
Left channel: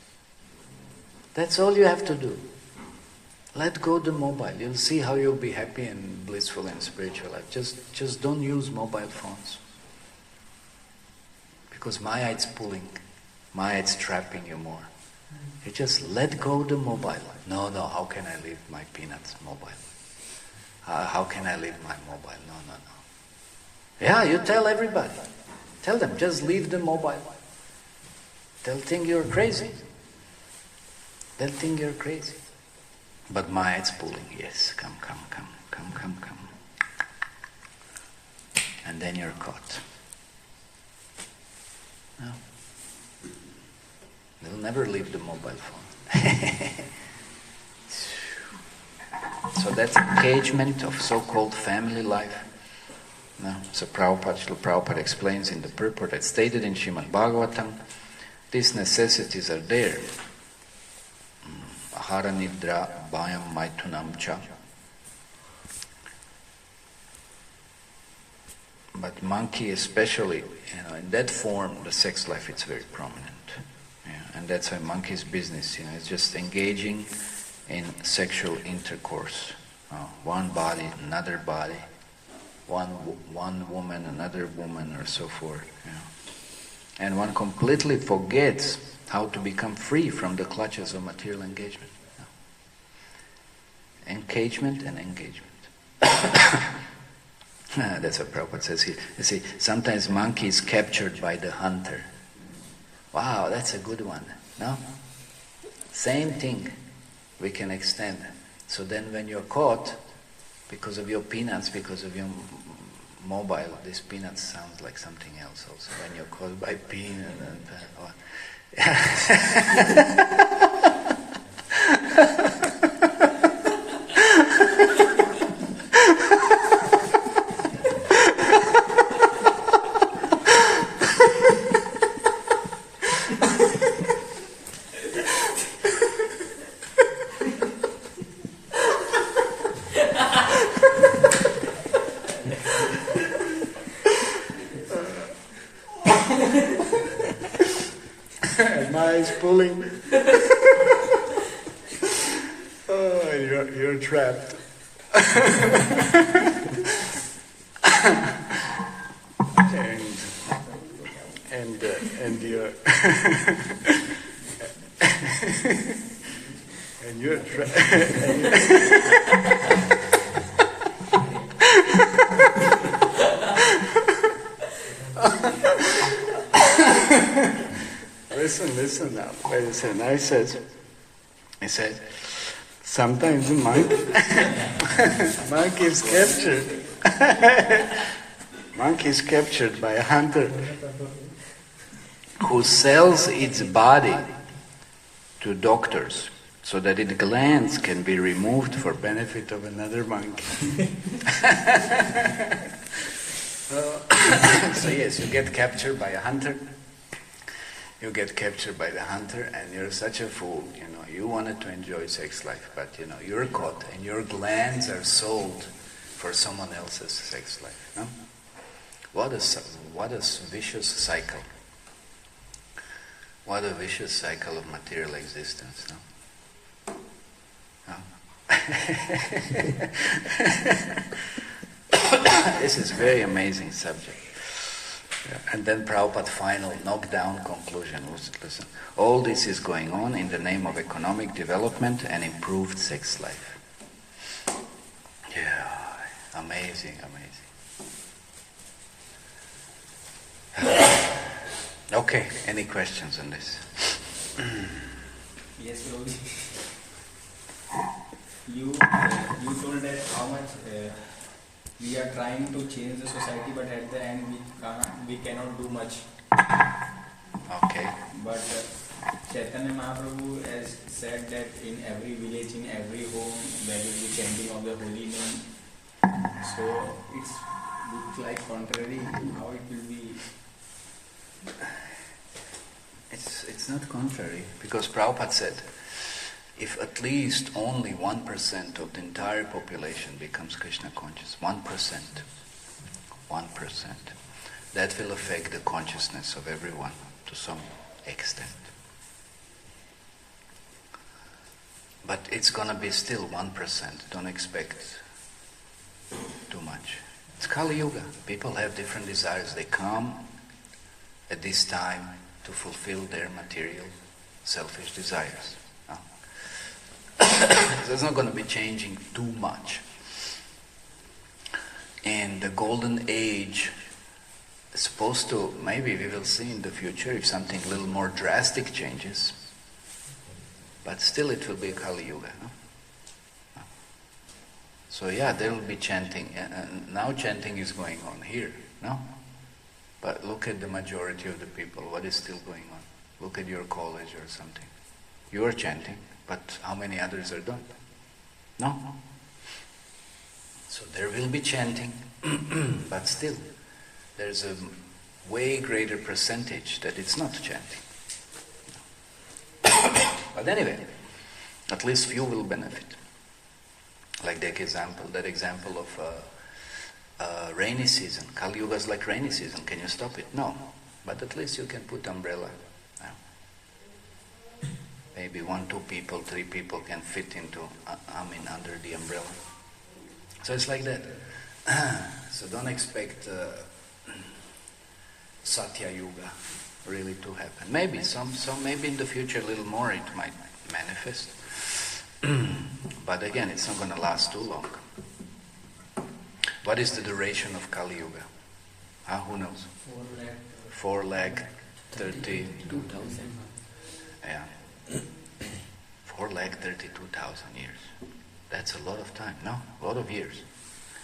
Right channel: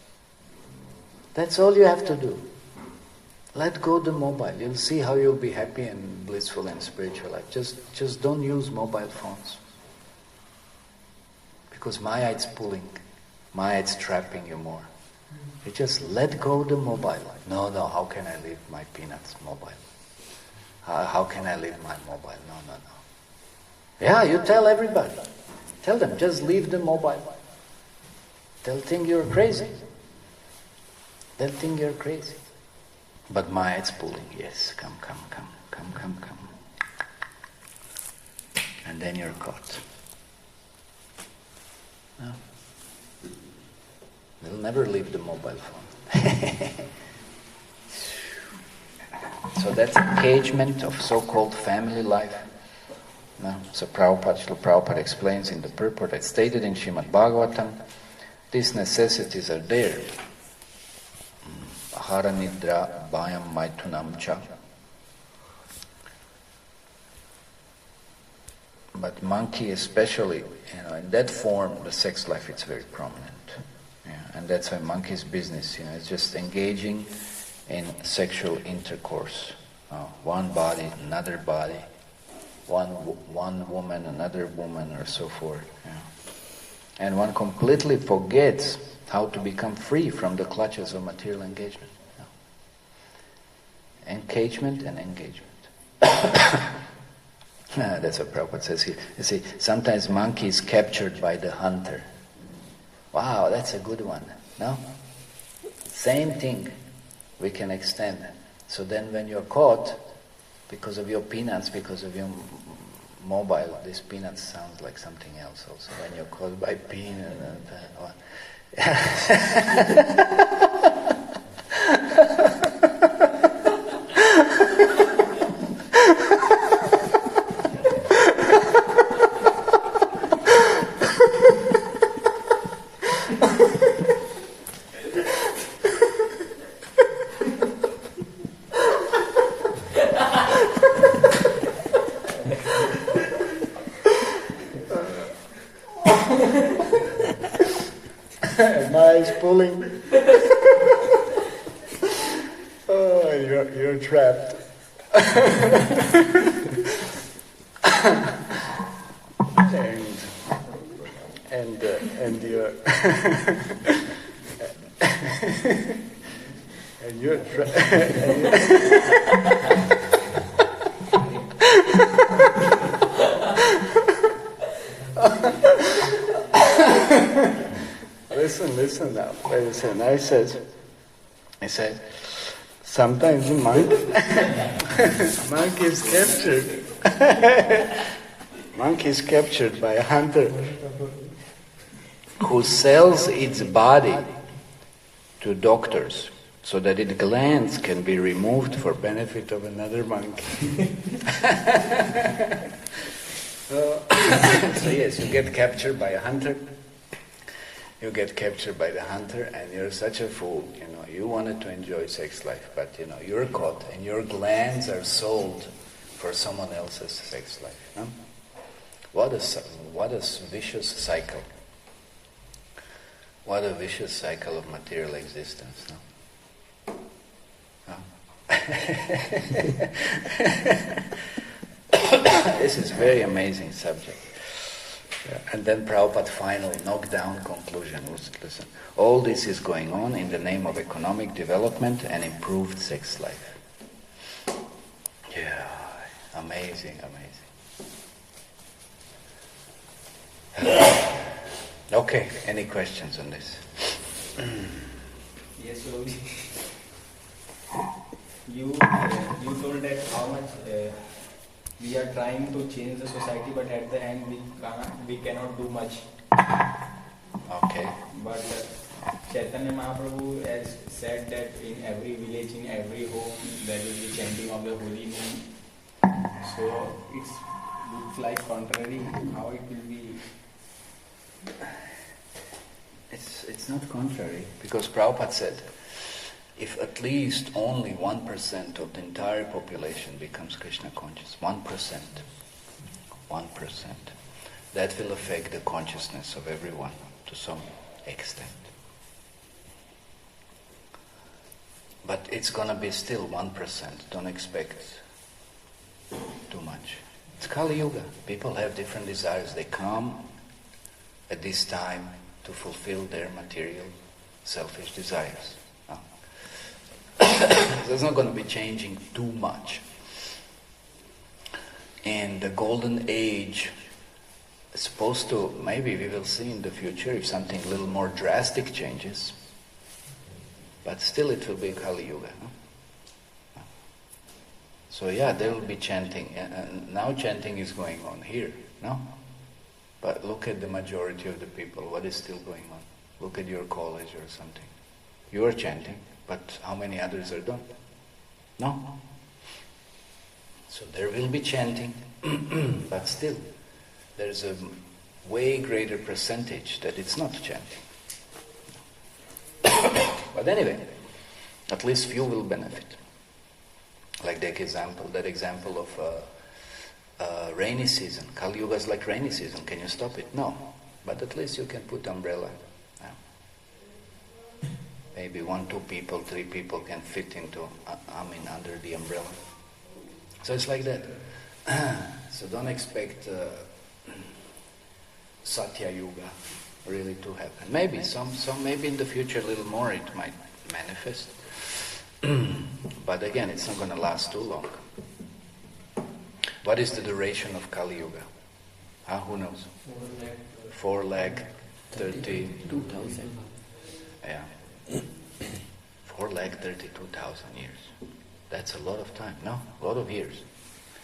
That's all you have to do. Let go the mobile. You'll see how you'll be happy and blissful in spiritual life. Just don't use mobile phones. Because Maya is pulling. Maya is trapping you more. You just let go the mobile. No, how can I leave my peanuts mobile? How can I leave my mobile? No. Yeah, you tell everybody. Tell them, just leave the mobile. They'll think you're crazy. But Maya is pulling. Yes, come. And then you're caught. No. They'll never leave the mobile phone. So that's engagement of so-called family life. So Prabhupada explains in the purport that's stated in Srimad Bhagavatam, these necessities are there. Ahara nidra bhayam maitunam cha. But monkey especially, in that form, the sex life, it's very prominent. Yeah. And that's why monkey's business, is just engaging in sexual intercourse. One body, another body. One woman, another woman, or so forth. Yeah. And one completely forgets how to become free from the clutches of material engagement. Engagement and engagement. That's what Prabhupada says here. You see, sometimes monkey is captured by the hunter. Wow, that's a good one. No? Same thing we can extend. So then when you're caught, because of your peanuts, because of your mobile, this peanuts sounds like something else also. When you're caught by peanut pulling. You're trapped. and you're and you're Listen now. Wait a second. I said, sometimes the monkey is captured. Monkey is captured by a hunter who sells its body to doctors so that its glands can be removed for benefit of another monkey. So yes, you get captured by a hunter. You get captured by the hunter, and you're such a fool. You wanted to enjoy sex life, but you're caught, and your glands are sold for someone else's sex life. Huh? What a vicious cycle. What a vicious cycle of material existence. Huh? This is a very amazing subject. Yeah. And then Prabhupada's final knockdown conclusion was, listen, all this is going on in the name of economic development and improved sex life. Yeah, amazing. Okay, any questions on this? Yes, Prabhuji. You told that how much we are trying to change the society, but at the end we cannot do much. Okay. But Chaitanya Mahaprabhu has said that in every village, in every home, there will be chanting of the holy name. So it looks like contrary. How it will be? It's not contrary, because Prabhupada said, if at least only 1% of the entire population becomes Krishna conscious, 1%, that will affect the consciousness of everyone to some extent. But it's going to be still 1%. Don't expect too much. It's Kali Yuga. People have different desires. They come at this time to fulfill their material, selfish desires. So it's not going to be changing too much. And the golden age is supposed to, maybe we will see in the future if something a little more drastic changes, but still it will be Kali Yuga. No? So yeah, there will be chanting, and now chanting is going on here, no? But look at the majority of the people, what is still going on? Look at your college or something. You are chanting, but how many others are done? No? So there will be chanting, but still, there's a way greater percentage that it's not chanting. But anyway, at least few will benefit. Like that example of rainy season. Kali Yuga is like rainy season. Can you stop it? No. But at least you can put umbrella. Yeah. Maybe 1, 2 people, 3 people can fit into, under the umbrella. So it's like that. So don't expect Satya Yuga really to happen. Maybe maybe in the future a little more it might manifest. But again, it's not going to last too long. What is the duration of Kali Yuga? Who knows? 4,32,000. Yeah. 4,32,000 years. That's a lot of time, no? A lot of years.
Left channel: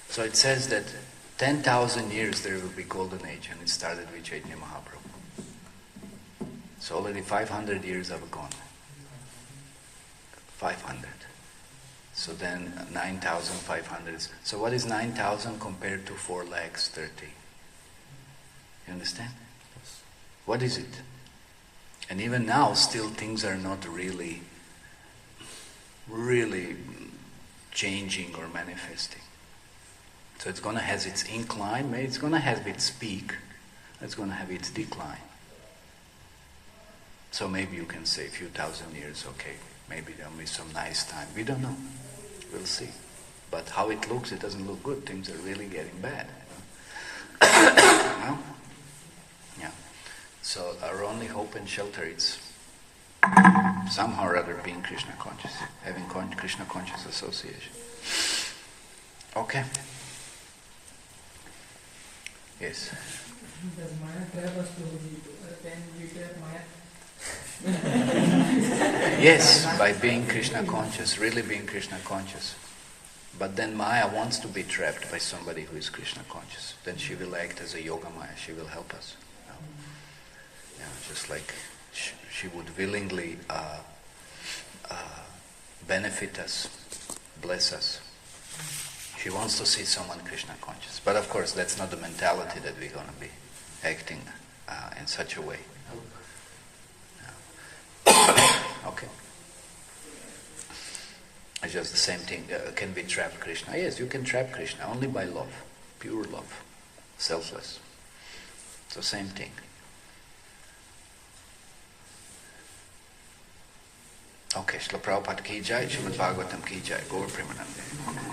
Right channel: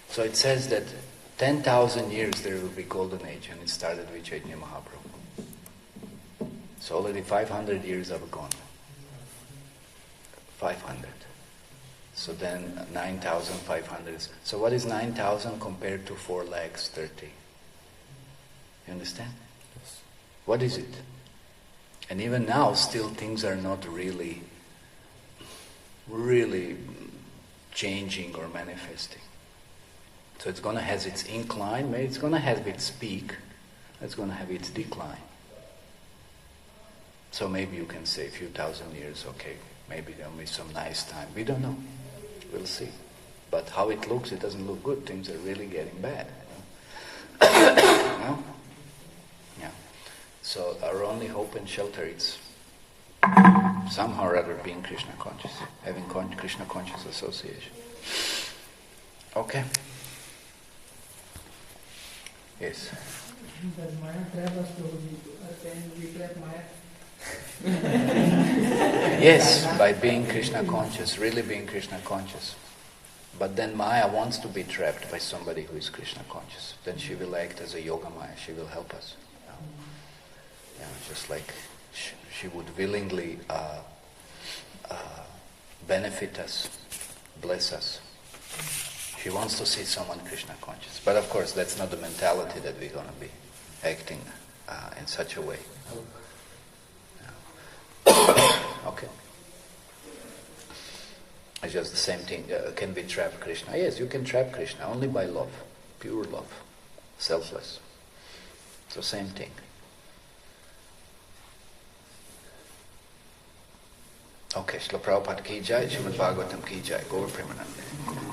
So it says that 10,000 years there will be golden age, and it started with Chaitanya Mahaprabhu. So already 500 years have gone. 500. So then 9,500. So what is 9,000 compared to 4,30,000? You understand? Yes. What is it? And even now, still things are not really changing or manifesting. So it's going to have its incline, maybe it's going to have its peak, it's going to have its decline. So maybe you can say a few thousand years, okay, maybe there'll be some nice time. We don't know. We'll see. But how it looks, it doesn't look good. Things are really getting bad. No? Yeah. So our only hope and shelter is somehow or other being Krishna conscious, having Krishna conscious association. Okay. Yes. Does Maya trap us, Prabhuji? Can we trap Maya? Yes, by being Krishna conscious, really being Krishna conscious. But then Maya wants to be trapped by somebody who is Krishna conscious. Then she will act as a yoga Maya. She will help us. Yeah, just like she would willingly benefit us, bless us. She wants to see someone Krishna conscious. But of course, that's not the mentality that we're going to be acting in such a way. Okay. It's just the same thing. Can we trap Krishna? Yes, you can trap Krishna only by love, pure love, selfless. It's the same thing. Okay, Srila Prabhupada ki jai, Srimad Bhagavatam ki jai, Gaur Premanande.